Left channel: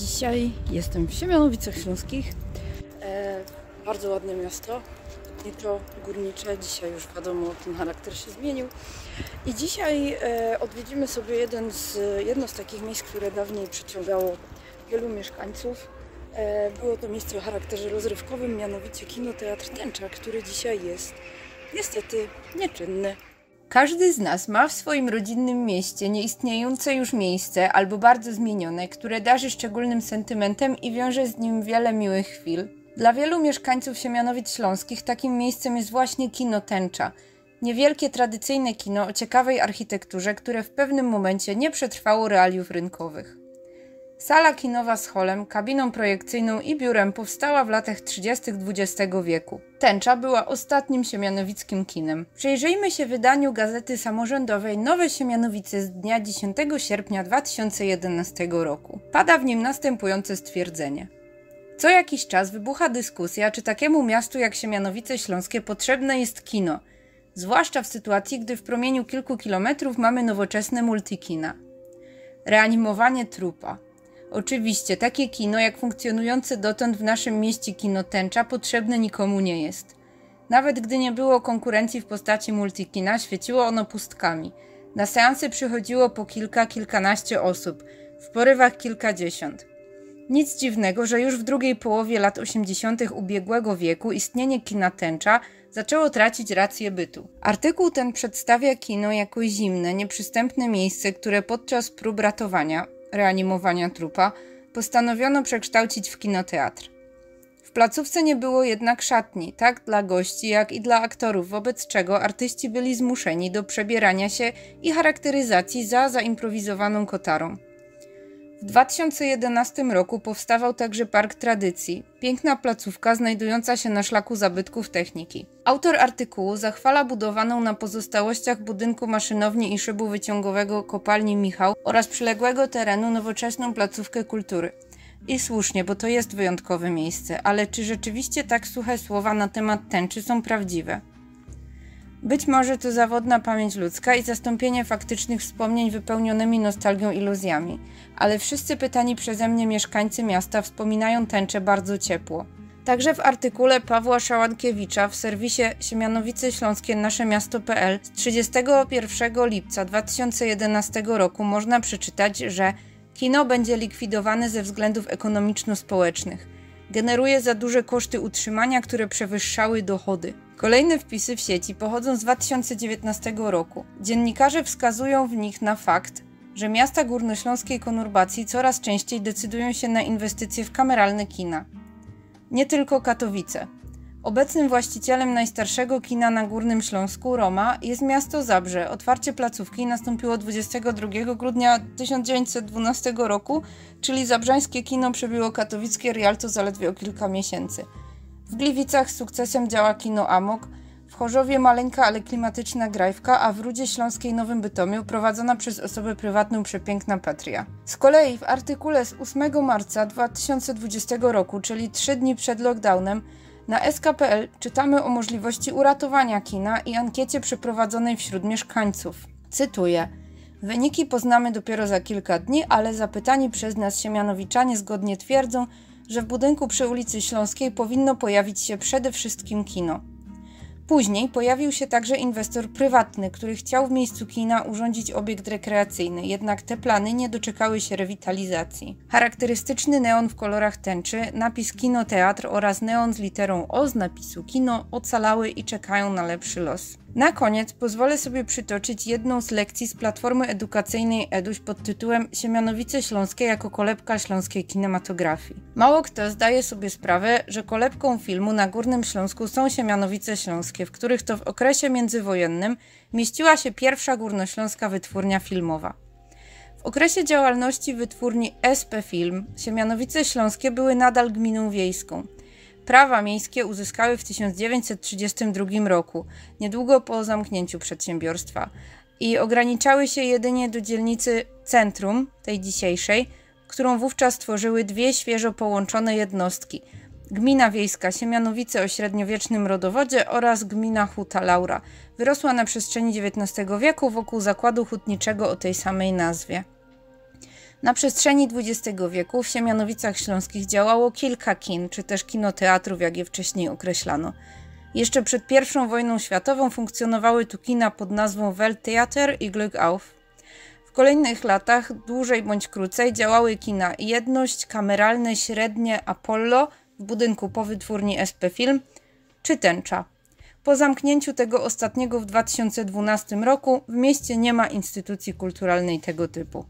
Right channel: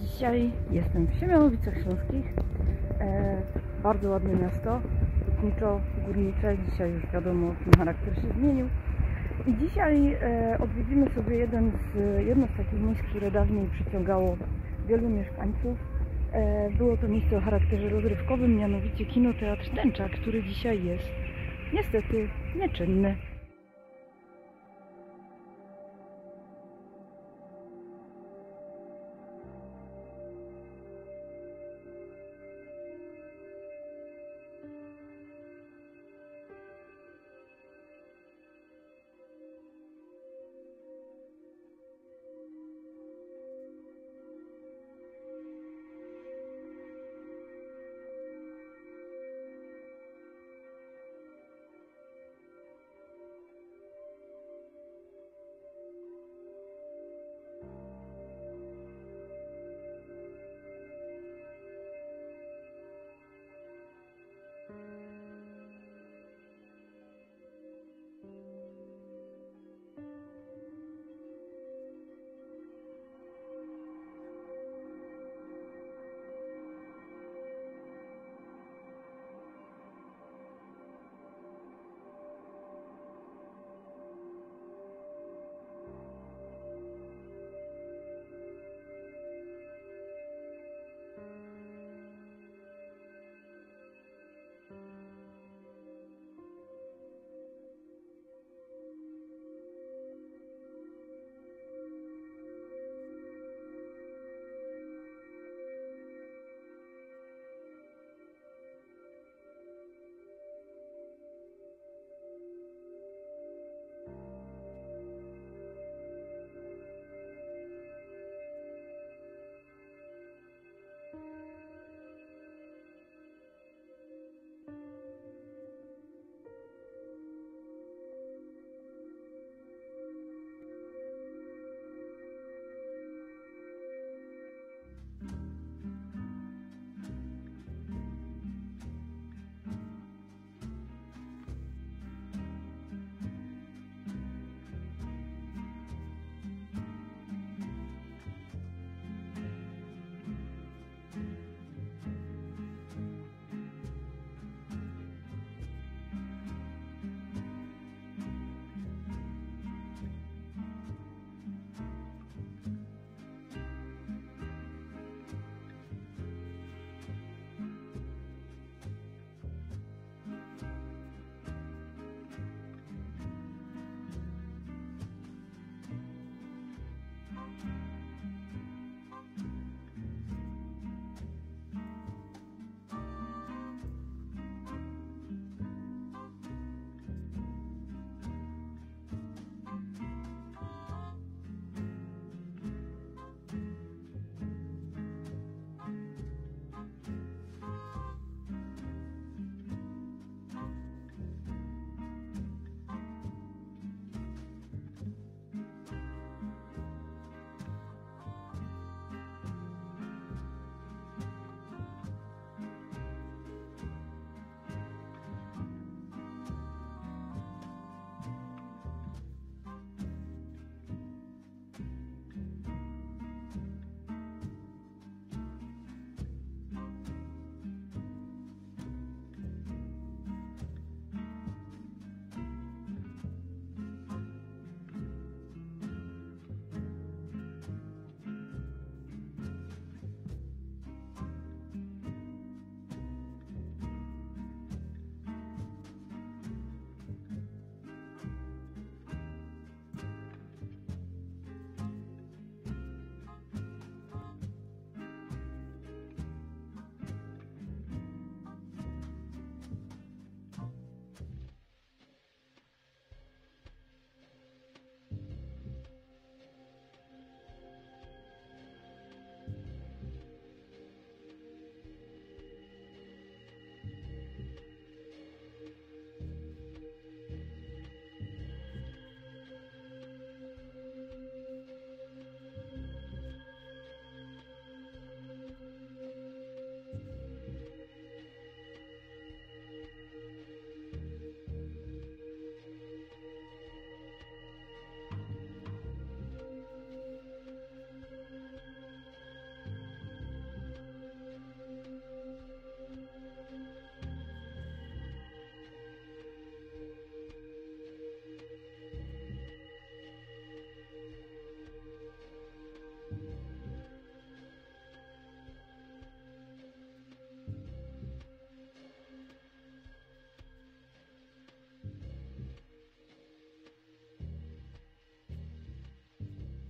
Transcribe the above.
Dzisiaj jestem w Siemianowicach Śląskich. Bardzo ładne miasto, hutniczo, górnicze. Dzisiaj już wiadomo, ten charakter się zmienił. I dzisiaj odwiedzimy sobie jedno z takich miejsc, które dawniej przyciągało wielu mieszkańców. Było to miejsce o charakterze rozrywkowym, mianowicie kinoteatr Tęcza, który dzisiaj jest niestety nieczynny. Każdy z nas ma w swoim rodzinnym mieście nieistniejące już miejsce albo bardzo zmienione, które darzy szczególnym sentymentem i wiąże z nim wiele miłych chwil. Dla wielu mieszkańców Siemianowic Śląskich takim miejscem jest właśnie kino Tęcza. Niewielkie tradycyjne kino o ciekawej architekturze, które w pewnym momencie nie przetrwało realiów rynkowych. Sala kinowa z holem, kabiną projekcyjną i biurem powstała w latach 30. XX wieku. Tęcza była ostatnim siemianowickim kinem. Przyjrzyjmy się wydaniu gazety samorządowej Nowe Siemianowice z dnia 10 sierpnia 2011 roku. Pada w nim następujące stwierdzenie. Co jakiś czas wybucha dyskusja, czy takiemu miastu jak Siemianowice Śląskie potrzebne jest kino, zwłaszcza w sytuacji, gdy w promieniu kilku kilometrów mamy nowoczesne multikina. Reanimowanie trupa. Oczywiście, takie kino jak funkcjonujące dotąd w naszym mieście kino Tęcza potrzebne nikomu nie jest. Nawet gdy nie było konkurencji w postaci multikina, świeciło ono pustkami. Na seansy przychodziło po kilkanaście osób, w porywach kilkadziesiąt. Nic dziwnego, że już w drugiej połowie lat 80. ubiegłego wieku istnienie kina Tęcza zaczęło tracić rację bytu. Artykuł ten przedstawia kino jako zimne, nieprzystępne miejsce, które podczas prób ratowania, reanimowania trupa, postanowiono przekształcić w kinoteatr. W placówce nie było jednak szatni, tak dla gości, jak i dla aktorów, wobec czego artyści byli zmuszeni do przebierania się i charakteryzacji za zaimprowizowaną kotarą. W 2011 roku powstawał także Park Tradycji, piękna placówka znajdująca się na szlaku zabytków techniki. Autor artykułu zachwala budowaną na pozostałościach budynku maszynowni i szybu wyciągowego kopalni Michał oraz przyległego terenu nowoczesną placówkę kultury. I słusznie, bo to jest wyjątkowe miejsce, ale czy rzeczywiście tak suche słowa na temat Tęczy są prawdziwe? Być może to zawodna pamięć ludzka i zastąpienie faktycznych wspomnień wypełnionymi nostalgią iluzjami, ale wszyscy pytani przeze mnie mieszkańcy miasta wspominają Tęczę bardzo ciepło. Także w artykule Pawła Szałankiewicza w serwisie Siemianowice Śląskie Naszemiasto.pl z 31 lipca 2011 roku można przeczytać, że kino będzie likwidowane ze względów ekonomiczno-społecznych. Generuje za duże koszty utrzymania, które przewyższały dochody. Kolejne wpisy w sieci pochodzą z 2019 roku. Dziennikarze wskazują w nich na fakt, że miasta górnośląskiej konurbacji coraz częściej decydują się na inwestycje w kameralne kina. Nie tylko Katowice. Obecnym właścicielem najstarszego kina na Górnym Śląsku, Roma, jest miasto Zabrze. Otwarcie placówki nastąpiło 22 grudnia 1912 roku, czyli zabrzańskie kino przebiło katowickie Rialto zaledwie o kilka miesięcy. W Gliwicach z sukcesem działa kino Amok, w Chorzowie maleńka, ale klimatyczna Grajwka, a w Rudzie Śląskiej Nowym Bytomiu prowadzona przez osobę prywatną przepiękna Patria. Z kolei w artykule z 8 marca 2020 roku, czyli 3 dni przed lockdownem, na sk.pl czytamy o możliwości uratowania kina i ankiecie przeprowadzonej wśród mieszkańców. Cytuję. Wyniki poznamy dopiero za kilka dni, ale zapytani przez nas siemianowiczanie zgodnie twierdzą, że w budynku przy ulicy Śląskiej powinno pojawić się przede wszystkim kino. Później pojawił się także inwestor prywatny, który chciał w miejscu kina urządzić obiekt rekreacyjny, jednak te plany nie doczekały się rewitalizacji. Charakterystyczny neon w kolorach Tęczy, napis Kinoteatr oraz neon z literą O z napisu Kino ocalały i czekają na lepszy los. Na koniec pozwolę sobie przytoczyć jedną z lekcji z platformy edukacyjnej EDUŚ pod tytułem Siemianowice Śląskie jako kolebka śląskiej kinematografii. Mało kto zdaje sobie sprawę, że kolebką filmu na Górnym Śląsku są Siemianowice Śląskie, w których to w okresie międzywojennym mieściła się pierwsza górnośląska wytwórnia filmowa. W okresie działalności wytwórni SP Film Siemianowice Śląskie były nadal gminą wiejską. Prawa miejskie uzyskały w 1932 roku, niedługo po zamknięciu przedsiębiorstwa, i ograniczały się jedynie do dzielnicy Centrum, tej dzisiejszej, którą wówczas tworzyły dwie świeżo połączone jednostki. Gmina wiejska Siemianowice o średniowiecznym rodowodzie oraz gmina Huta Laura. Wyrosła na przestrzeni XIX wieku wokół zakładu hutniczego o tej samej nazwie. Na przestrzeni XX wieku w Siemianowicach Śląskich działało kilka kin, czy też kinoteatrów, jak je wcześniej określano. Jeszcze przed I wojną światową funkcjonowały tu kina pod nazwą Welttheater i Glück auf. W kolejnych latach, dłużej bądź krócej, działały kina Jedność, Kameralne, Średnie, Apollo w budynku po wytwórni SP Film, czy Tęcza. Po zamknięciu tego ostatniego w 2012 roku w mieście nie ma instytucji kulturalnej tego typu.